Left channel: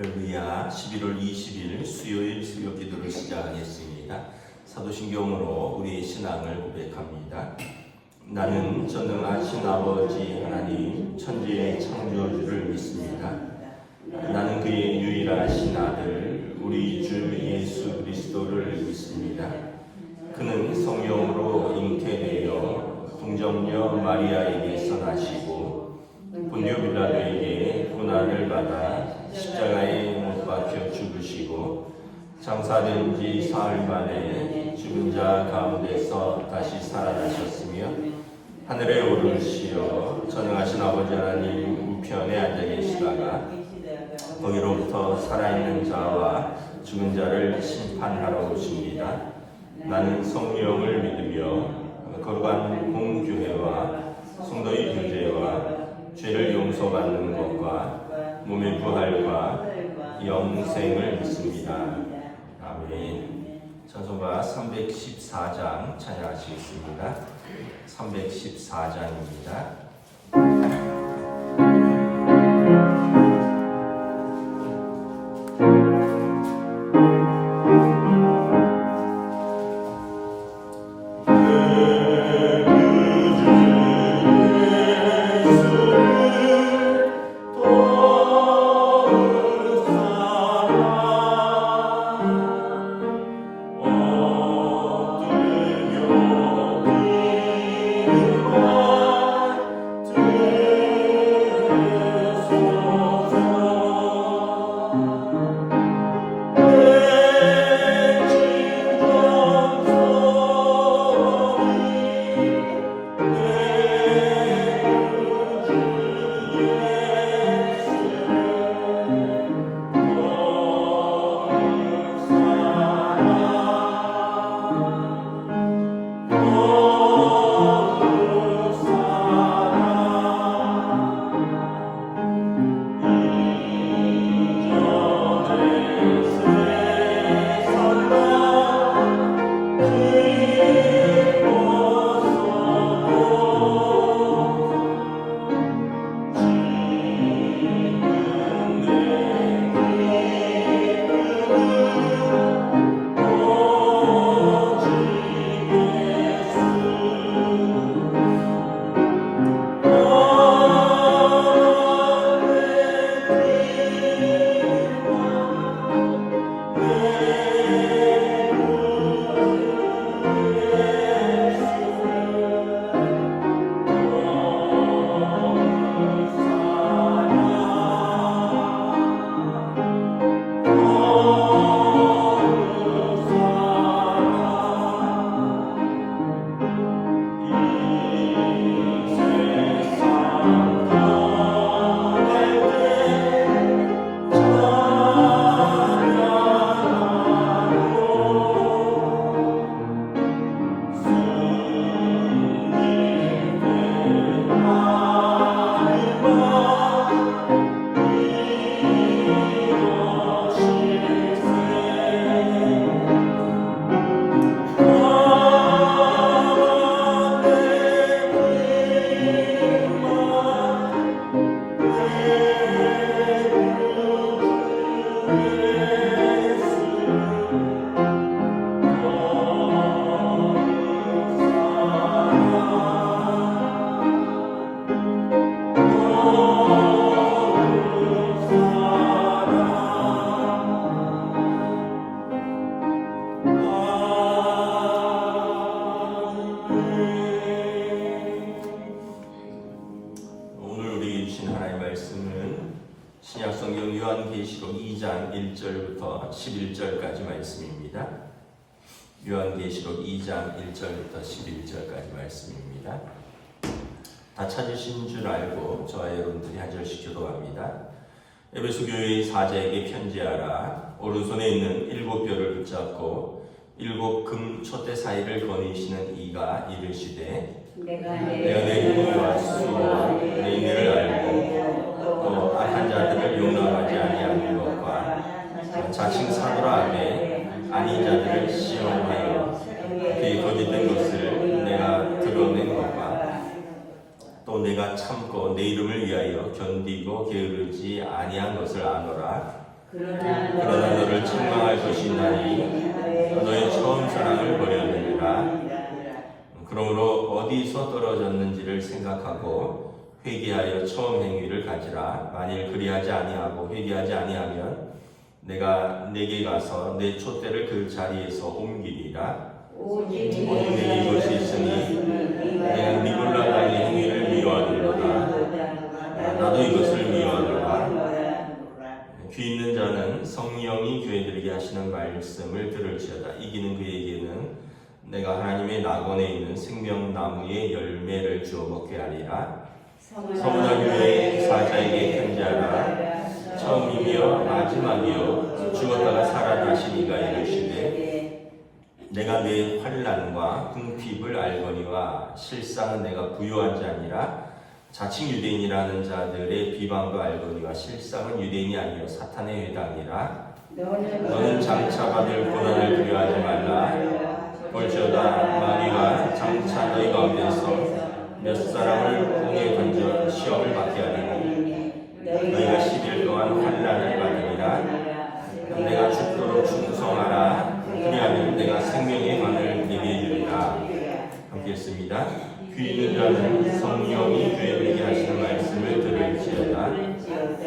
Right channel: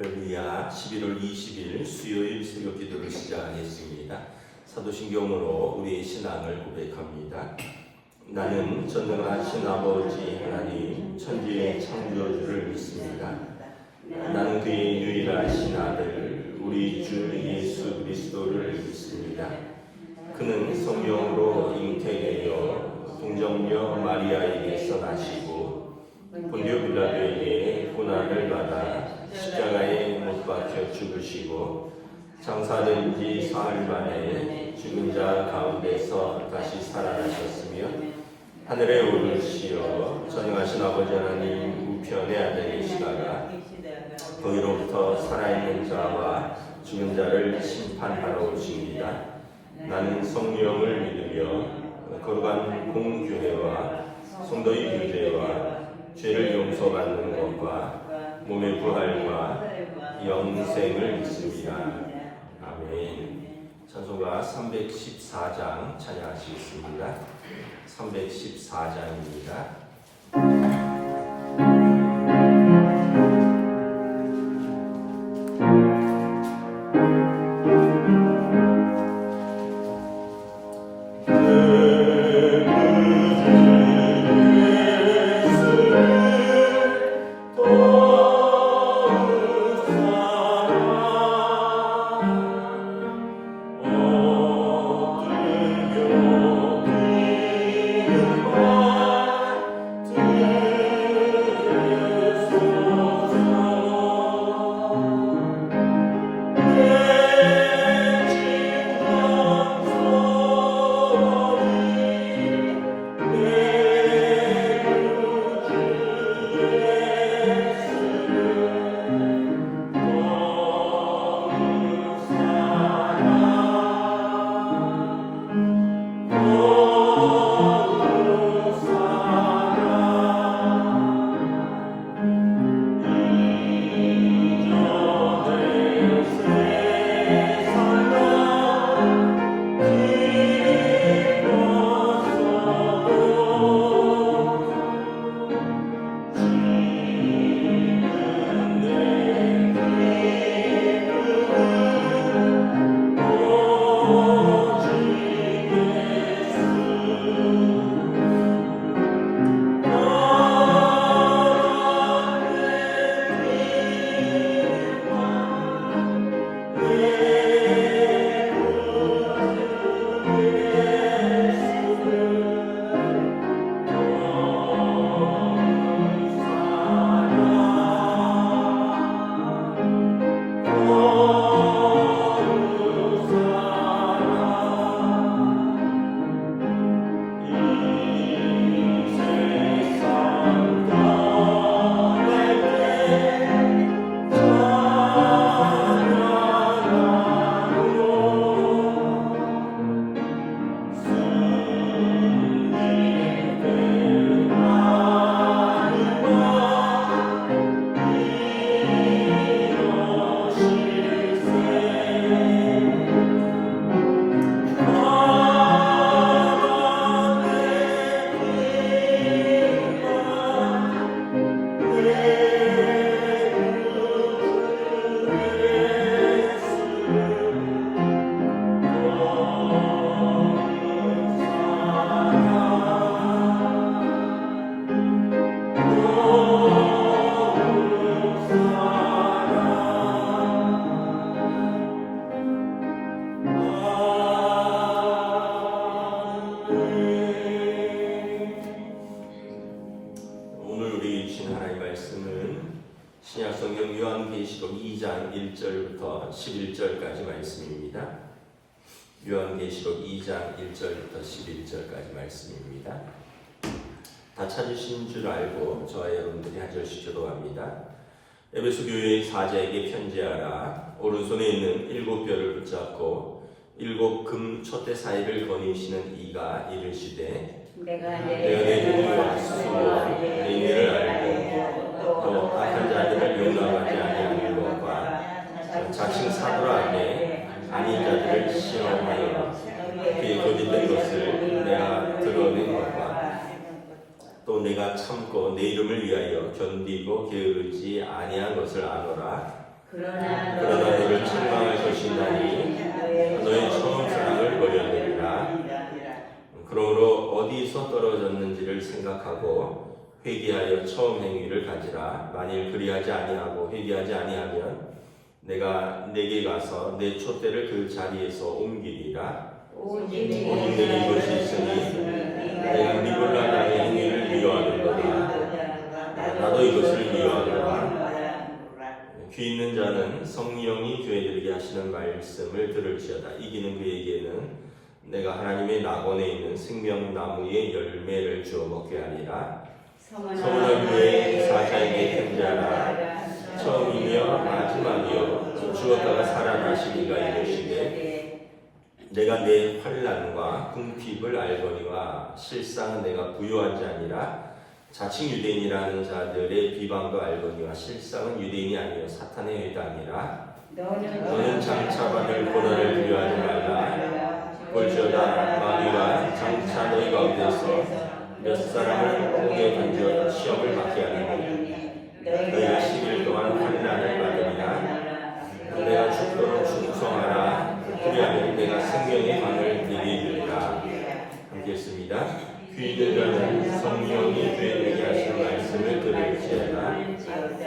할렐루야. 11월 20일 수요일 새벽 기도를 시작하겠습니다. 사도신경으로 우리의 신앙을 고백합니다. 나는 전능하신 아버지 하나님 천지의 창조주를 믿습니다. 나는 그의 유일하신 아들 우리 주 예수 그리스도를 믿습니다. 그는 성령으로 잉태되어 동정녀 마리아에게서 나시고 본디오 빌라도에게 고난을 받아 십자가에 못 박혀 죽으시고 장사된 지 사흘 만에 죽은 자 가운데서 다시 살아나셨으며 하늘에 오르시어 전능하신 아버지 하나님 우편에 앉아 계시다가 거기로부터 살아있는 자와 죽은 자를 심판하러 오십니다. 나는 성령을 믿으며 거룩한 공교회와 성도의 교제와 죄를 용서받는 것과 몸의 부활과 영생을 믿습니다. 아멘. 찬송가 314장 찬양하시겠습니다. 314장입니다. 신약성경 요한계시록 2장 1절부터 11절까지 말씀입니다. 요한계시록 2장 1절부터 11절까지 말씀입니다. 다 찾으신 줄 알고 저와 여러분들이 한 절씩 교도합니다. 에베소 교회의 사자에게 편지하라. 오른손에 있는 7별을 붙잡고 7 금 촛대 사이를 거니시는 이가 이르시되 내가 내 힘과 수와 내 인내를 알고 또 악한 자들을 용납하지 아니하는 것과 자칭 사도라 하되 아닌 자들을 시험하여 그의 거짓된 것을 내가 드러낸 것과 또 내가 참고 내 이름을 위하여 견디고 게으르지 아니한 것을 아노라. 그러나 너를 책망할 것이 있나니 너의 처음 사랑을 버렸느니라. 그러므로 어디서 떨어졌는지를 생각하고 회개하여 처음 행위를 가지라. 만일 그리하지 아니하고 회개하지 아니하면 내가 내게 가서 내 촛대를 그 자리에서 옮기리라. 오직 내게 이것이 있으니 내가 니골라 당의 행위를 미워하는도다. 나도 이것을 미워하노라. 귀 있는 자는 성령이 교회들에게 하시는 말씀을 들을지어다. 이기는 그에게는 내가 하나님의 낙원에 있는 생명나무의 열매를 주어 먹게 하리라. 서문화 교회 사자에게 편지하라. 처음이며 마지막이요 죽었다가 살아나시니가 이르시되 내가 내 환난과 궁핍을 알거니와 실상은 내가 부요한 자니라. 자칭 유대인이라는 자들의 비방도 알거니와 실상은 유대인이 아니요 사탄의 회당이라. 너는 장차 받을 고난을 두려워하지 말라. 볼지어다 마귀가 장차 너희 가운데서 몇 사람을 홍에 던져 시험을 받게 하리니 너희가 10일 동안 환난을 받으리라. 내가 죽도록 충성하라. 그리하면 내가 생명의 관을 내게 주리라. 함께 했습니다. 귀 있는 자는 성령이 교회에게 하시는 말씀을 들을지어다.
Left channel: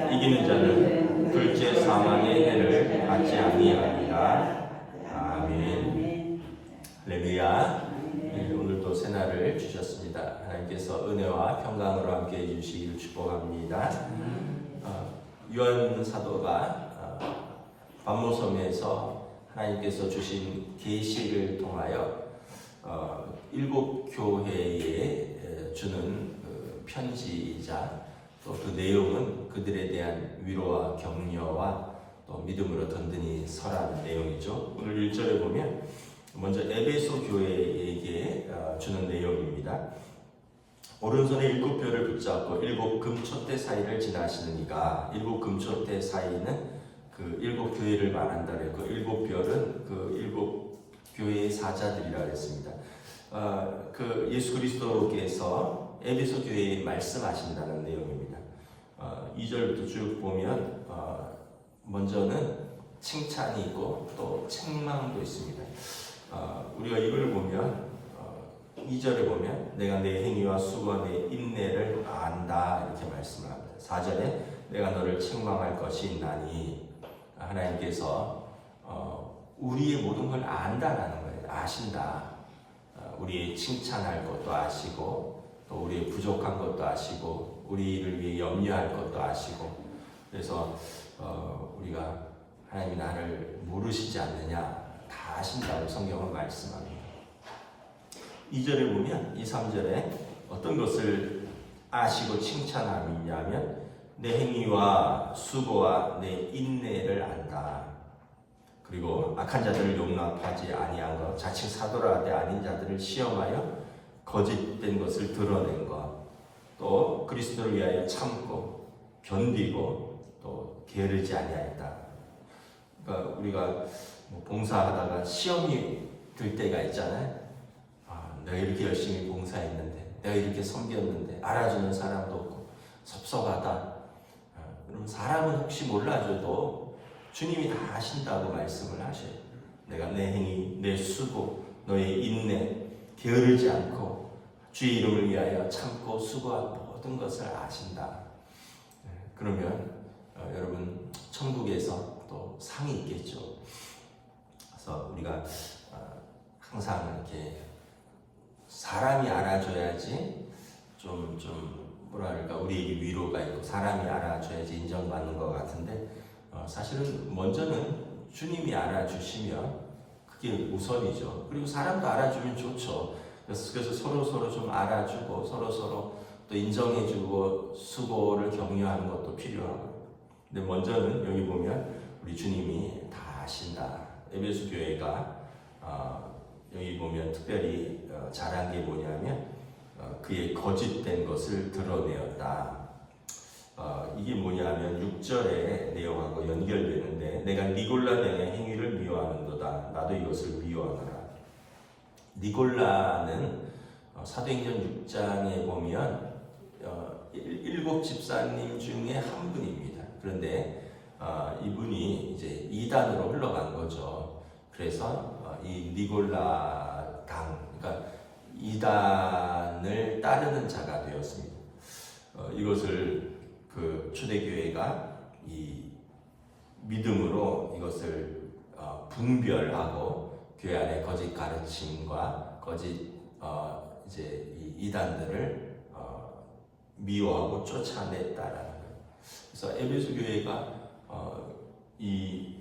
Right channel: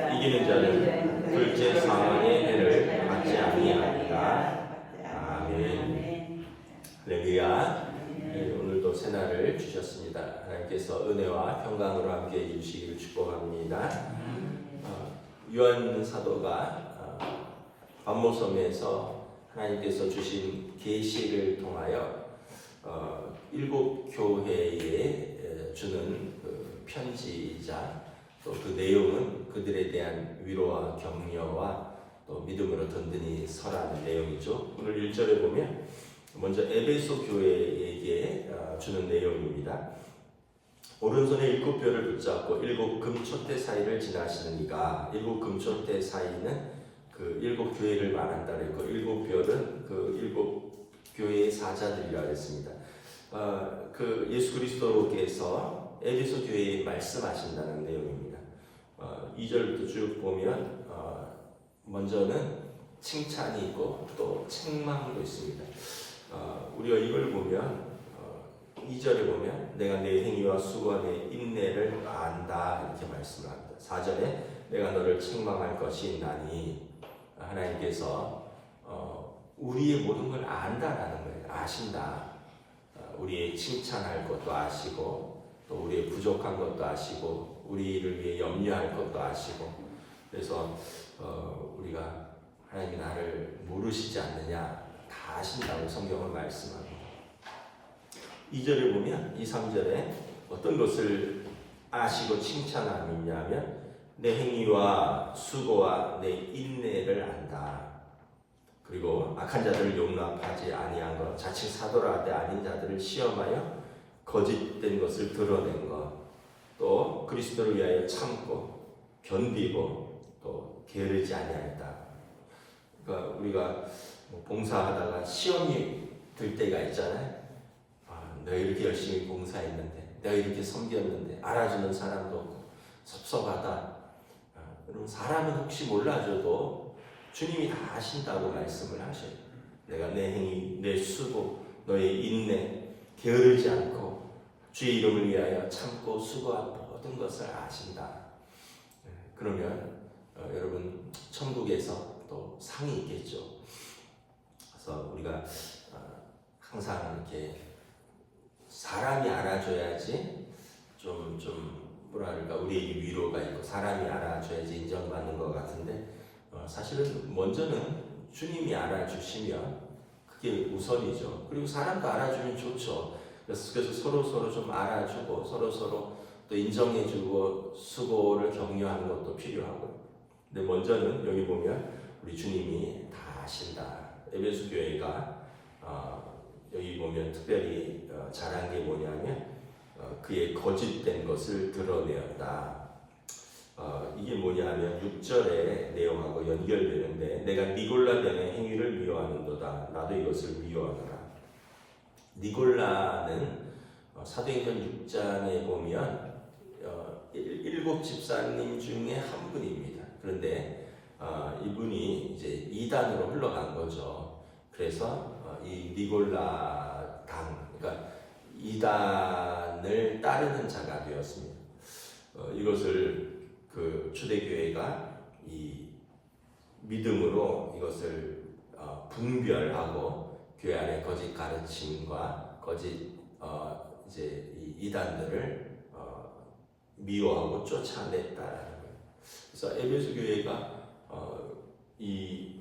이기는 자는 둘째 사망의 해를 받지 아니하리라. 아멘. 할렐루야. 오늘도 새날을 주셨습니다. 하나님께서 은혜와 평강으로 함께 해주시기를 축복합니다. 요한 사도가 반모섬에서 하나님께서 주신 계시를 통하여 7 교회에 주는 편지이자 또 그 내용은 그들에 대한 위로와 격려와 또 믿음으로 든든히 서라는 내용이죠. 오늘 1절에 보면 먼저 에베소 교회에게 주는 내용입니다. 오른손에 7뼈를 붙잡고 7 금촛대 사이를 지나시는 이가 7 금촛대 사이는 그 7 교회를 말한다 그랬고 7뼈는 그 7 교회의 사자들이라고 했습니다. 그 예수 그리스도께서 에베소 교회에 말씀하신다는 내용입니다. 2절부터 쭉 보면 먼저는 칭찬이 있고 또 책망도 있습니다. 우리가 이걸 보면 2절에 보면 내가 내 행위와 수고와 내 인내를 안다 이렇게 말씀을 합니다. 4절에 내가 너를 책망할 것이 있나니 하나님께서 우리의 모든 걸 안다라는 거예요. 아신다. 우리의 칭찬할 것도 아시고 또 우리의 부족한 것도 아시고 우리를 위해 염려할 것도 아시고 그래서 우리가 하나님이 나를 모르시지 않느냐 다 아신다고 성경은 말씀합니다. 2절에 보면 2, 3절에 어떤 것을 아시고 칭찬함이냐면 내 행위와 수고와 내 인내를 안다. 그리고 악한 자들을 용납하지 아니한 것, 자칭 사도라 때 아닌 자들을 시험하여 거짓된 것을 드러낸 것, 또 그리스도를 위하여 참고 견디고 또 게으르지 아니하였다. 그러니까 우리가 봉사하다가 시험이 들 때가 있잖아요. 내가 이렇게 열심히 봉사했는데, 내가 이렇게 섬겼는데 알아주는 사람도 없고 섭섭하다. 그럼 사람은 혹시 몰라줘도 주님이 다 아신다고 말씀을 하셔요. 내가 내 행위, 내 수고, 너의 인내, 게으르지 않고 주의 이름을 위하여 참고 수고한 모든 것을 아신다. 그러면 여러분 천국에서 또 상이 있겠죠. 그래서 우리가 항상 이렇게 사람이 알아줘야지 좀 뭐랄까 우리에게 위로가 있고 사람이 알아줘야지 인정받는 것 같은데 사실은 먼저는 주님이 알아주시면 그게 우선이죠. 그리고 사람도 알아주면 좋죠. 그래서 서로 좀 알아주고 서로 또 인정해주고 수고를 격려하는 것도 필요하고. 근데 먼저는 여기 보면 우리 주님이 다 아신다. 에베소 교회가 여기 보면 특별히 잘한 게 뭐냐면 그의 거짓된 것을 드러내었다. 이게 뭐냐면 6절의 내용하고 연결되는데 내가 니골라당의 행위를 미워하는도다. 나도 이것을 미워하노라. 니골라는 사도행전 6장에 보면 7 집사님 중에 한 분입니다. 그런데 이분이 이제 이단으로 흘러간 거죠. 그래서 이 니골라 당, 그러니까 이단을 따르는 자가 되었습니다. 이것을 그 초대교회가 이 믿음으로 이것을 분별하고 교회 안에 거짓 가르침과 거짓 이제 이 이단들을 미워하고 쫓아냈다라는 거예요. 그래서 에베소 교회가 이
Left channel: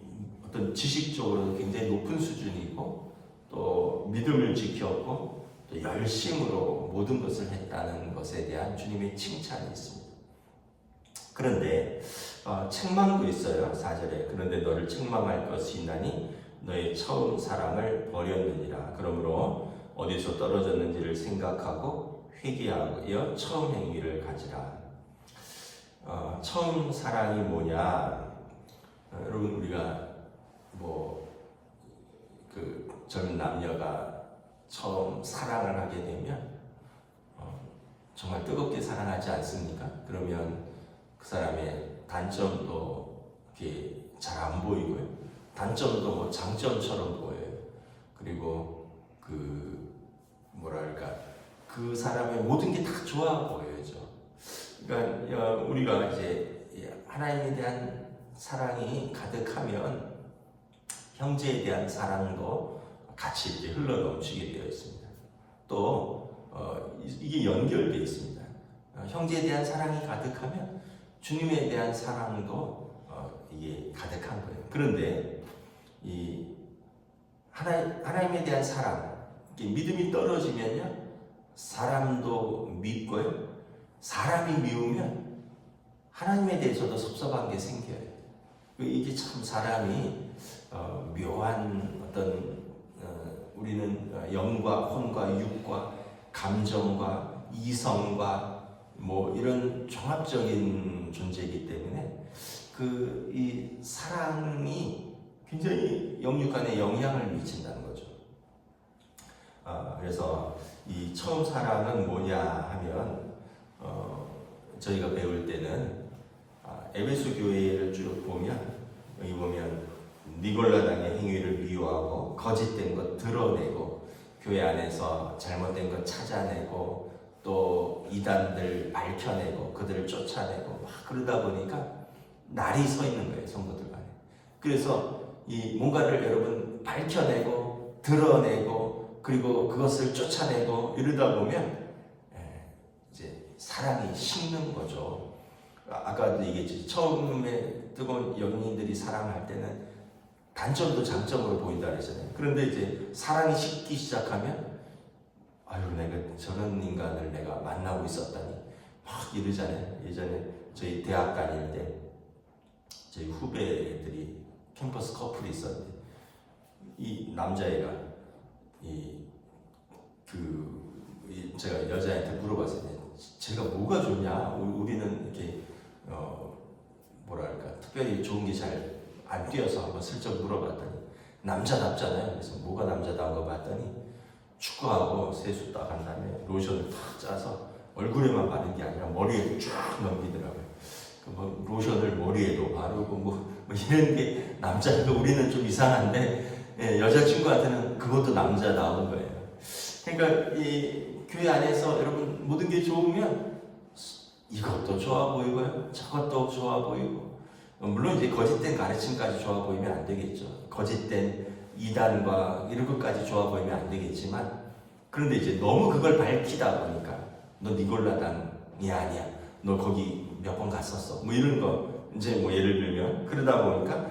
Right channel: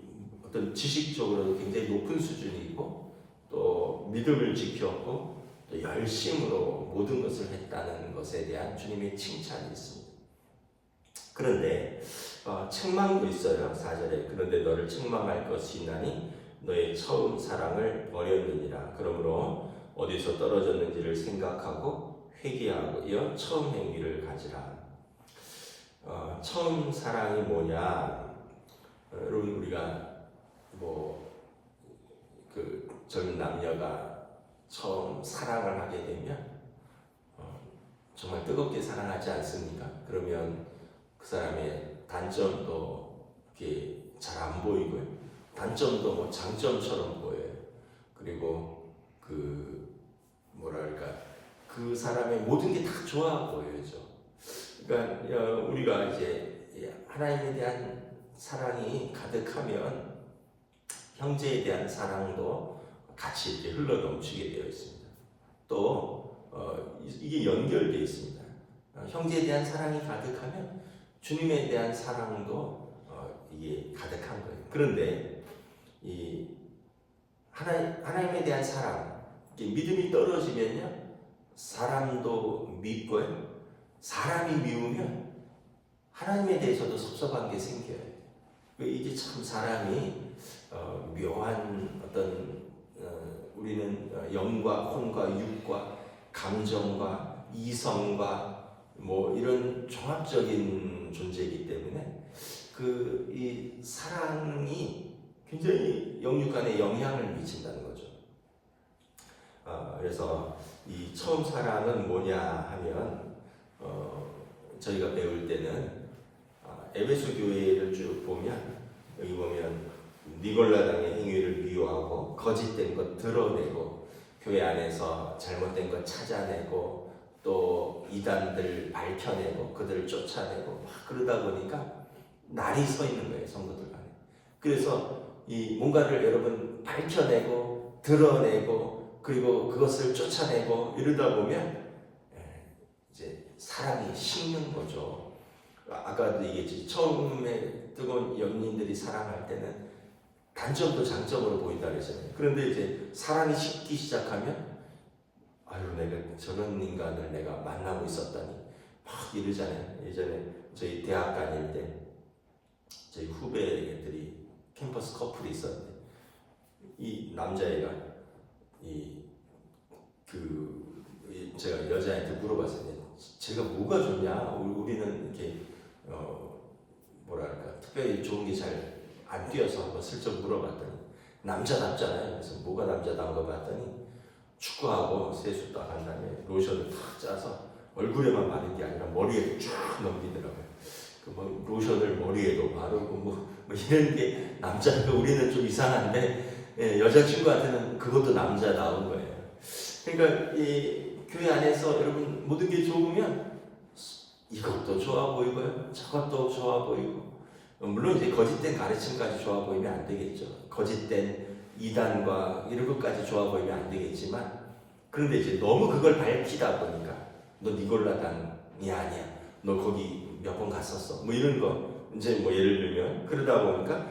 어떤 지식적으로도 굉장히 높은 수준이고 또 믿음을 지켰고 또 열심으로 모든 것을 했다는 것에 대한 주님의 칭찬이 있습니다. 그런데 책망도 있어요. 4절에 그런데 너를 책망할 것이 있나니 너의 처음 사랑을 버렸느니라. 그러므로 어디서 떨어졌는지를 생각하고 회개하여 처음 행위를 가지라. 처음 사랑이 뭐냐? 여러분 우리가 그 젊은 남녀가 처음 사랑을 하게 되면 정말 뜨겁게 사랑하지 않습니까? 그러면 그 사람의 단점도 이렇게 잘 안 보이고요. 단점도 뭐 장점처럼 보여요. 그리고 그 사람의 모든 게 다 좋아 보여죠. 그러니까 우리가 이제 하나님에 대한 사랑이 가득하면 형제에 대한 사랑도 같이 이렇게 흘러 넘치게 되어 있습니다. 또 이게 연결되어 있습니다. 형제에 대한 사랑이 가득하면 주님에 대한 사랑도 이게 가득한 거예요. 그런데 이 하나님에 대한 사랑, 믿음이 떨어지면요, 사람도 밉고요, 사람이 미우면 하나님에 대해서도 섭섭한 게 생겨요. 이게 참 사람이 묘한 어떤 우리는 영과 혼과 육과 감정과 이성과 뭐 이런 종합적인 존재이기 때문에 이 사랑이 굉장히 영육 간에 영향을 미친다는 거죠. 그래서 이 처음 사랑은 뭐냐 하면 저희가 배울 때는 에베소 교회를 쭉 보면 여기 보면 니골라당의 행위를 미워하고 거짓된 것 드러내고 교회 안에서 잘못된 것 찾아내고 또 이단들 밝혀내고 그들을 쫓아내고 막 그러다 보니까 날이 서 있는 거예요, 성도들 간에. 그래서 이 뭔가를 여러분 밝혀내고 드러내고 그리고 그것을 쫓아내고 이러다 보면 이제 사랑이 식는 거죠. 아까도 얘기했지, 처음에 뜨거운 연인들이 사랑할 때는 단점도 장점으로 보인다 그랬잖아요. 그런데 이제 사랑이 식기 시작하면 아유, 내가 저런 인간을 내가 만나고 있었다니 막 이러잖아요. 예전에 저희 대학 다닐 때 저희 후배들이 캠퍼스 커플이 있었는데 이 남자애가 제가 여자한테 물어봤어요. 제가 뭐가 좋냐? 우리는 이렇게 특별히 좋은 게 잘 안 뛰어서 한번 슬쩍 물어봤더니 남자답잖아요. 그래서 뭐가 남자다운가 봤더니 축구하고 세수 딱 한 다음에 로션을 탁 짜서 얼굴에만 바른 게 아니라 머리에 쫙 넘기더라고요. 뭐 로션을 머리에도 바르고 뭐 이런 게 남자니까 우리는 좀 이상한데 여자친구한테는 그것도 남자다운 거예요. 그러니까 이 교회 안에서 여러분 모든 게 좋으면 이것도 좋아 보이고요, 저것도 좋아 보이고, 물론 이제 거짓된 가르침까지 좋아 보이면 안 되겠죠. 거짓된 이단과 이런 것까지 좋아 보이면 안 되겠지만, 그런데 이제 너무 그걸 밝히다 보니까 너 니골라당이 아니야, 너 거기 몇 번 갔었어, 뭐 이런 거 이제 뭐 예를 들면 그러다 보니까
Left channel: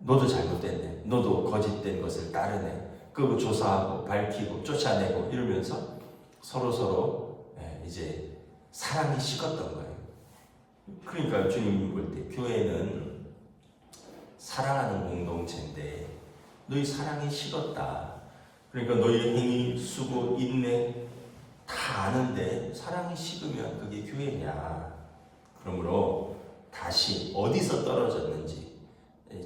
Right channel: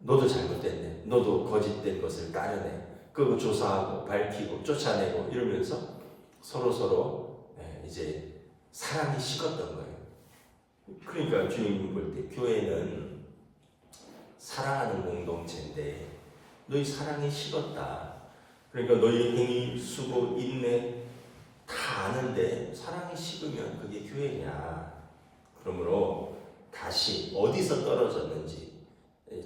너도 잘못됐네, 너도 거짓된 것을 따르네, 그거 조사하고 밝히고 쫓아내고 이러면서 서로 이제 사랑이 식었던 거예요. 그러니까 주님 볼 때 교회는 사랑하는 공동체인데 너희 사랑이 식었다. 그러니까 너희 행위, 수고, 인내 다 아는데 사랑이 식으면 그게 교회냐. 그러므로 다시 어디서 떨어졌는지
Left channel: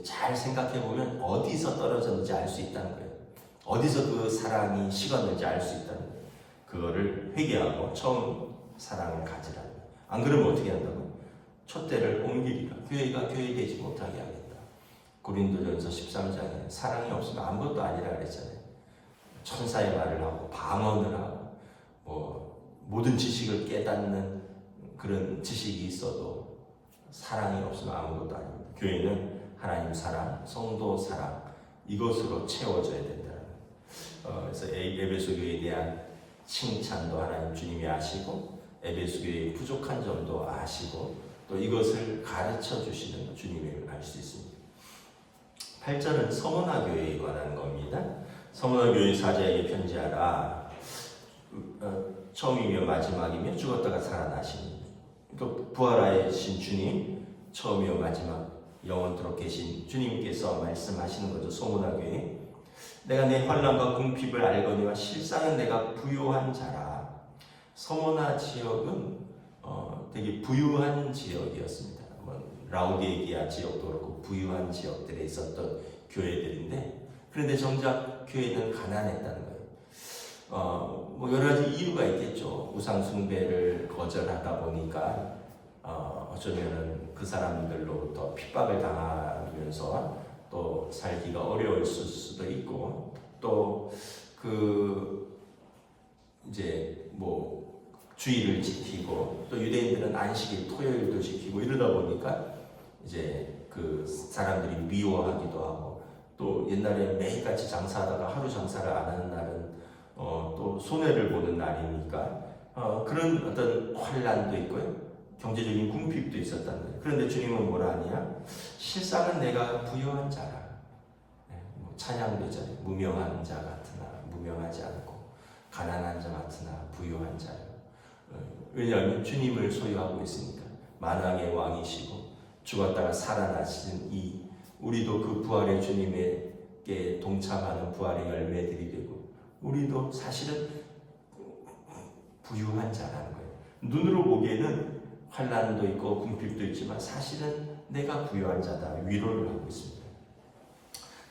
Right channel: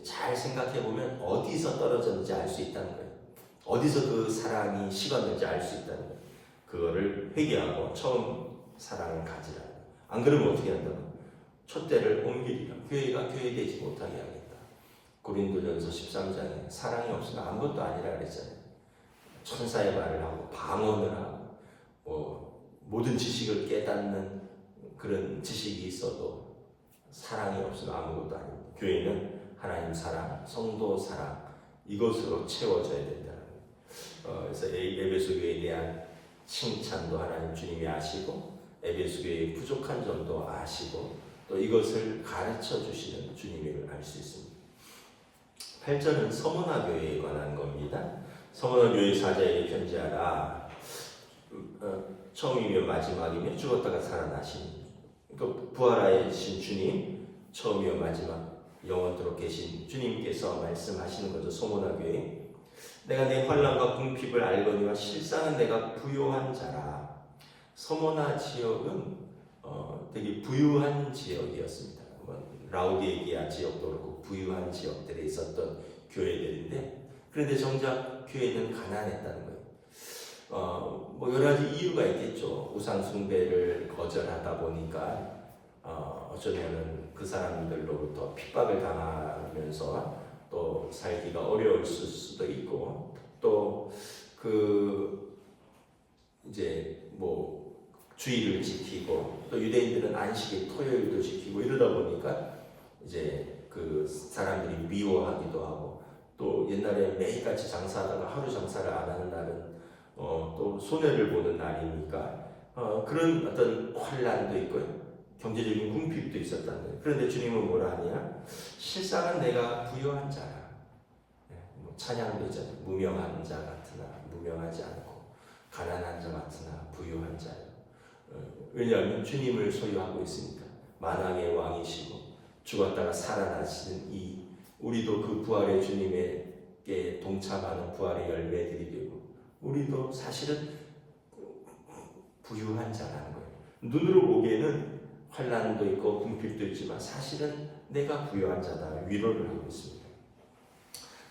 잘 생각해보면 어디서 떨어졌는지 알 수 있다는 거예요. 어디서 그 사랑이 식었는지 알 수 있다는 거예요. 그거를 회개하고 처음 사랑을 가지라고. 안 그러면 어떻게 한다고? 촛대를 옮기리라. 교회가 교회되지 못하게 하겠다. 고린도전서 13장에 사랑이 없으면 아무것도 아니라 그랬잖아요. 천사의 말을 하고 방언을 하고 모든 지식을 깨닫는 그런 지식이 있어도 사랑이 없으면 아무것도 아닙니다. 교회는 하나님 사랑, 성도 사랑 이것으로 채워져야 된다는 거예요. 그래서 에베소 교회에 대한 칭찬도 하나님 주님이 아시고 에베소 교회의 부족한 점도 아시고 또 이것을 가르쳐 주시는 주님을 알 수 있습니다. 8절은 서문화 교회에 관한 겁니다. 서문화 교회 사자에게 편지하라. 처음이며 마지막이며 죽었다가 살아나신 부활하신 주님, 처음이며 마지막 영원토록 계신 주님께서 말씀하시는 거죠. 서문화 교회. 내가 내 환난과 궁핍을 알거니와 실상은 내가 부요한 자라. 서문화 지역은 되게 부유한 지역이었습니다. 라우디게아 지역도 그렇고 부유한 지역들에 있었던 교회들인데, 그런데 정작 교회는 가난했다는 거예요. 여러 가지 이유가 있겠죠. 우상 숭배를 거절하다 보니까 어쩌면은 그 사람들로부터 핍박을 당하면서 또 살기가 어려울 수도 있고, 또 이제 주일을 지키고 또 유대인들은 안식일 토요일도 지키고 이러다 보니까 이제 그 사람들이 미워하기도 하고, 또 옛날에 매일같이 장사하다가 하루 장사를 안 하는 날은 또 손해를 보는 날이니까 그런 어떤 환난도 있고요, 경제적인 궁핍도 있었다는 거예요. 그런데 주님은 뭐라 하냐? 실상은 내가 부요한 자라. 찬양도 있잖아요. 무명한 자 같으나 무명하지 않고 가난한 자 같으나 부요한 자요. 왜냐하면 주님을 소유하고 있으니까. 만왕의 왕이시고 죽었다가 살아나시는 우리도 그 부활의 주님에게 동참하는 부활의 열매들이 되고, 우리도 사실은 부유한 자라는 거예요. 눈으로 보기에는 환난도 있고 궁핍도 있지만 사실은 내가 부유한 자다. 위로를 하고 있습니다.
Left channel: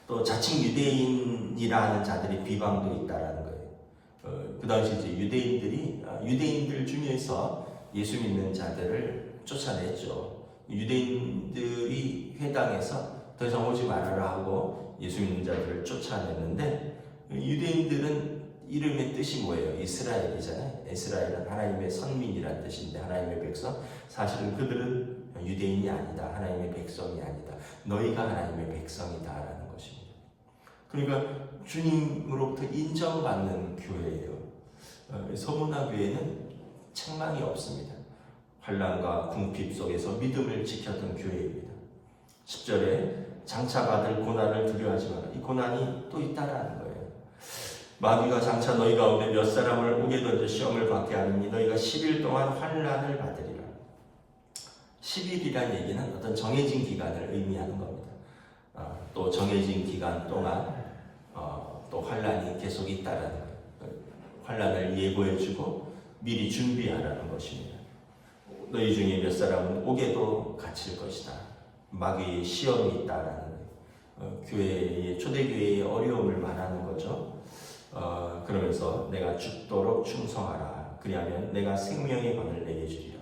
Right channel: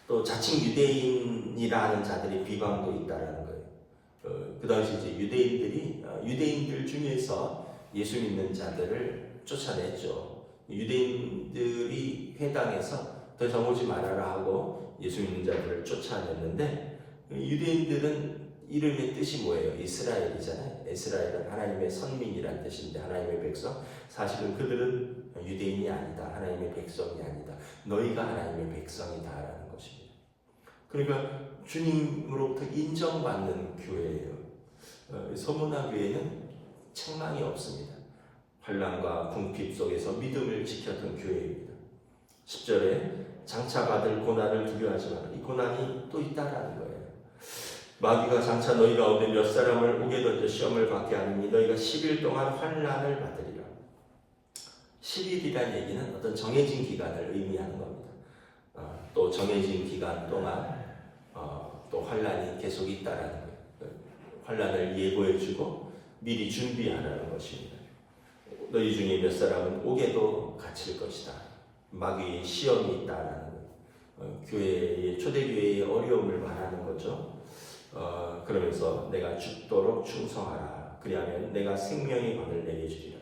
또 자칭 유대인이라 하는 자들이 비방도 있다라는 거예요. 그 당시 이제 유대인들 중에서 예수 믿는 자들을 쫓아냈죠. 유대인들이 회당에서 더 이상 오지 말아라 하고 예수 믿는 자들을 쫓아냈는데, 유대인들은 이름의 뜻이 뭐예요? 이스라엘이잖아요. 이스라엘은 하나님의 선민이란 뜻인데, 하나님의 백성. 사실은 그들은 유대인이 아니다. 하나님의 백성이 아니다. 너희가 하나님의 백성이다라는 것입니다. 그러니까 주님으로부터 인정받는 교회예요. 서문화 교회는 책망이 없습니다. 환난과 궁핍 속에서 믿음을 지켰던 교회입니다. 10절에 장차 받을 고난을 두려워하지 마라. 이 고난이 또 있다라는 거예요. 마귀가 장차 너희 가운데 몇 사람을 옥에 던져 시험을 받게 하느니 너희가 10일 동안 환난을 받으리라. 10일이란 얘기는 어떤 정해진 기간을 의미하는 겁니다. 또 정해진 기간 동안 또 환난이 계속 있다라는 거예요. 환난을 예고해주고 미리 준비하라는 것입니다. 너희 중에 몇 사람은 옥에도 갇힐 것이다. 마귀의 시험이 있다라는 거예요. 초대교회의 어려움을 말하는 거죠. 그러면서 내가 죽도록 충성하라. 그리하면 내가 생명의 권을 내게 주리라.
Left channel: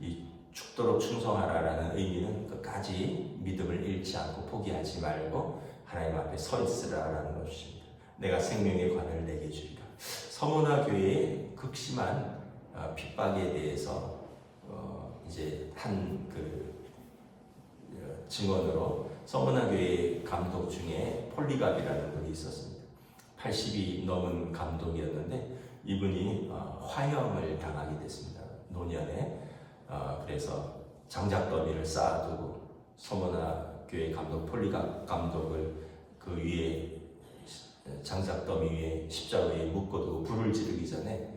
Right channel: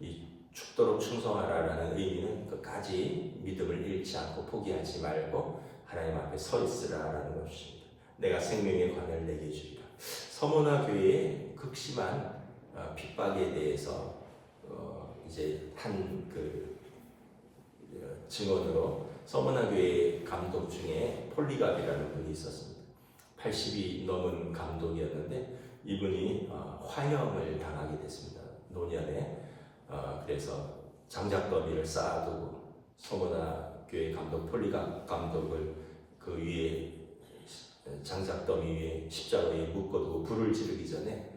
이 죽도록 충성하라라는 의미는 끝까지 믿음을 잃지 않고 포기하지 말고 하나님 앞에 서 있으라라는 것입니다. 내가 생명의 관을 내게 주리라. 서문화 교회의 극심한 핍박에 대해서 이제 한 증언으로 서문화 교회 감독 중에 폴리갑이라는 분이 있었습니다. 80이 넘은 감독이었는데 이분이 화형을 당하게 됐습니다. 노년에. 그래서 장작더미를 쌓아두고 서문화 교회 감독 폴리갑 감독을 그 위에 장작더미 위에 십자가에 묶어두고 불을 지르기 전에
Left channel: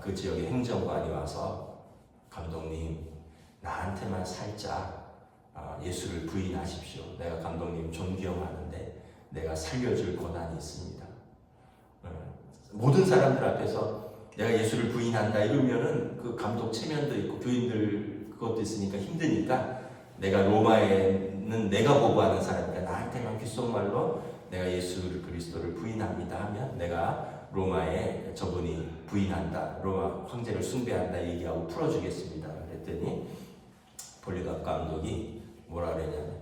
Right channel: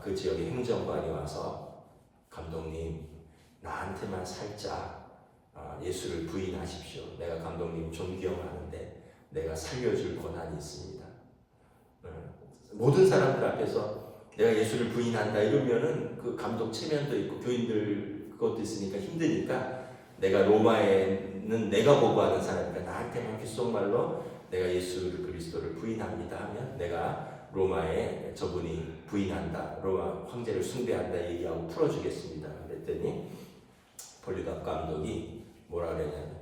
그 지역의 행정관이 와서 감독님 나한테만 살짝 예수를 부인하십시오. 내가 감독님 존경하는데 내가 살려줄 권한이 있습니다. 모든 사람들 앞에서 내가 예수를 부인한다 이러면은 그 감독 체면도 있고 교인들 그것도 있으니까 힘드니까 내가 로마에는 내가 보고하는 사람이니까 나한테만 귓속말로 내가 예수 그리스도를 부인합니다 하면 내가 로마에 저분이 부인한다, 로마 황제를 숭배한다 얘기하고 풀어주겠습니다. 그랬더니 폴리갑 감독이 뭐라 그랬냐면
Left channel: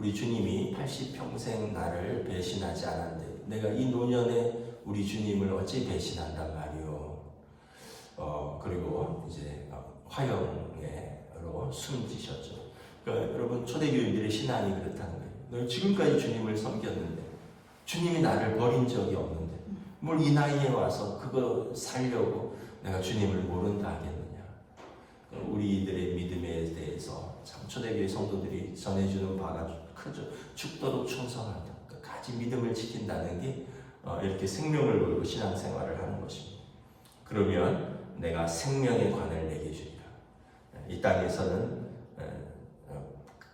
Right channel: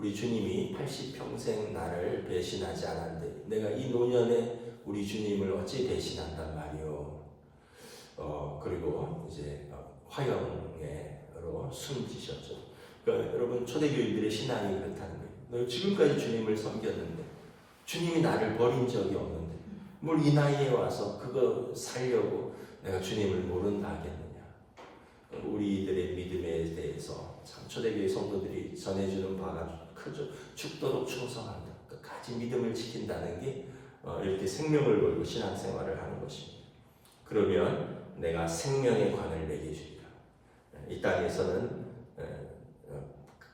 우리 주님이 80평생 나를 배신하지 않았는데 내가 이 노년에 우리 주님을 어찌 배신한단 말이오. 그리고 이제 화형으로 숨지셨죠. 그러니까 여러분 초대교인들의 신앙이 그렇다는 거예요. 너 지금까지 주님을 섬겼는데 주님이 나를 버린 적이 없는데 뭘 이 나이에 와서 그거 살려고 내가 주님을 모른다 하겠느냐. 우리들의 믿음에 대해서 참 초대교회 성도들이 전해주는 바가 크죠. 죽도록 충성한다. 끝까지 믿음을 지킨다는 게 이렇게 생명을 걸고 신앙생활을 하는 것입니다. 그러면 내가 생명의 관을 내게 주리라. 이 땅에서는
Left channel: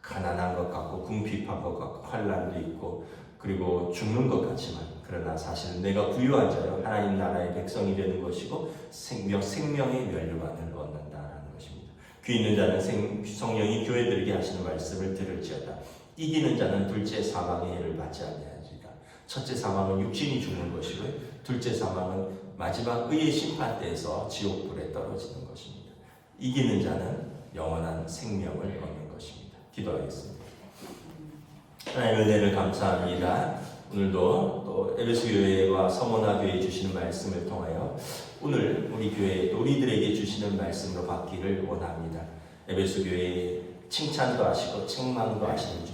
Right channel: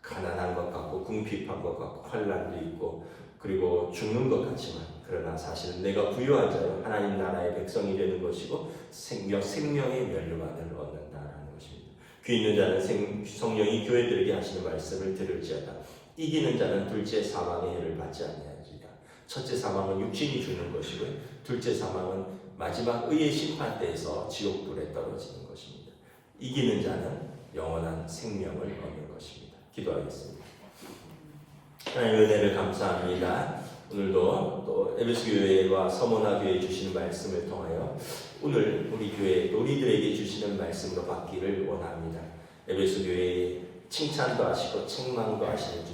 가난한 것 같고 궁핍한 것 같고 환난도 있고 그리고 죽는 것 같지만 그러나 사실은 내가 부유한 자요 하나님 나라의 백성이 되는 것이고 생명의 면류관을 얻는다는 것입니다. 귀 있는 자는 성령이 교회들에게 하시는 말씀을 들을지어다. 이기는 자는 둘째 사망의 해를 받지 아니하리라. 첫째 사망은 육신이 죽는 것이고요. 둘째 사망은 마지막 의의 심판 때에서 지옥불에 떨어지는 것입니다. 이기는 자는 영원한 생명을 얻는 것입니다. 기도하겠습니다. 하나님의 은혜를 감사합니다. 오늘도 또 에베소 교회와 서머나 교회에 주시는 말씀을 통하여 오늘 우리 교회 또 우리들에게 주시는 말씀으로 받기를 원합니다. 에베소 교회에 칭찬도 하시고 책망도 하시는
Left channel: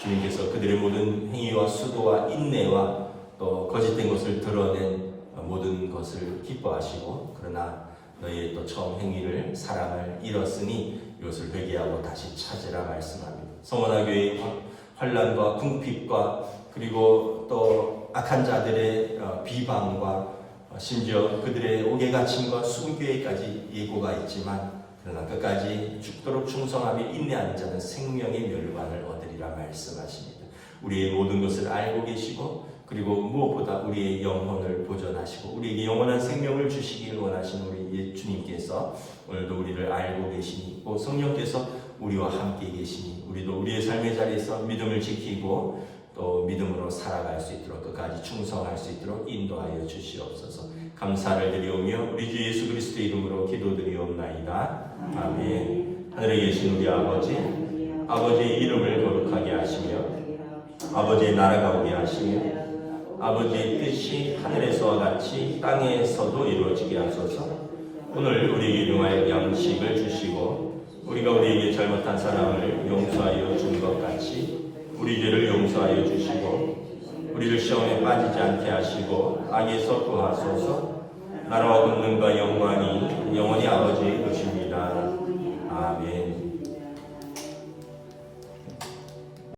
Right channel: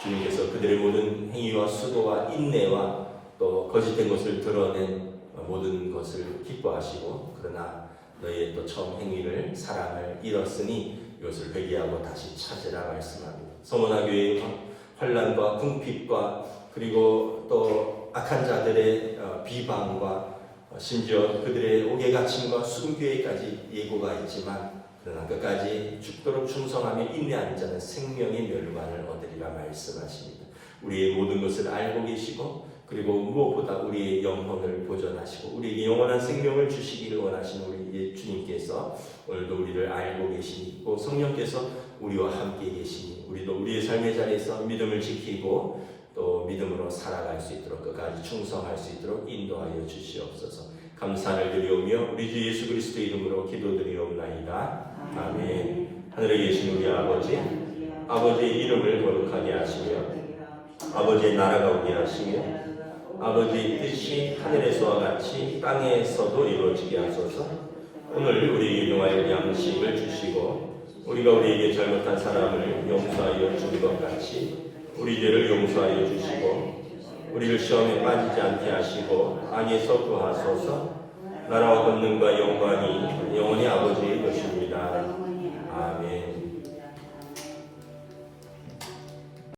주님께서 그들의 모든 행위와 수고와 인내와 또 거짓된 것을 드러낸 모든 것을 기뻐하시고 그러나 너희의 또 처음 행위를 사랑을 잃었으니 이것을 회개하고 다시 찾으라 말씀합니다. 서머나 교회의 환난과 궁핍과 그리고 또 악한 자들의 비방과 심지어 그들의 옥외갇힘과 순교에까지 예고가 있지만 그러나 끝까지 죽도록 충성하며 인내하는 자는 생명의 멸관을 얻으리라 말씀하십니다. 우리의 모든 것을 알고 계시고 그리고 무엇보다 우리의 영혼을 보존하시고 우리에게 영원한 생명을 주시길 원하시는 우리 주님께서 오늘도 우리를 알고 계시고 성령께서 우리와 함께 계시니 우리도 우리의 삶의 자리에서 믿음을 지키고 또 믿음으로 살아갈 수 있도록 끝까지 충성할 수 있도록 인도하여 주시옵소서. 감사를 드리오며 우리 주 예수 그리스도의 이름으로 기도드리옵나이다. 아멘. 하늘에 계신 우리 아버지의 이름을 거룩하게 하시며 아버지의 나라가 오게 하시며 아버지의 뜻이 하늘에서와 같이 땅에서도 이루어지게 하소서. 오늘 우리에게 일용할 양식을 주시고 우리가 우리에게 잘못한 사람을 용서하여 준 것 같이 우리 죄를 용서하여 주시고 우리를 시험에 빠지지 않게 하시고 악에서 구하소서. 나라와 권능과 영광이 영원히 아버지의 것입니다.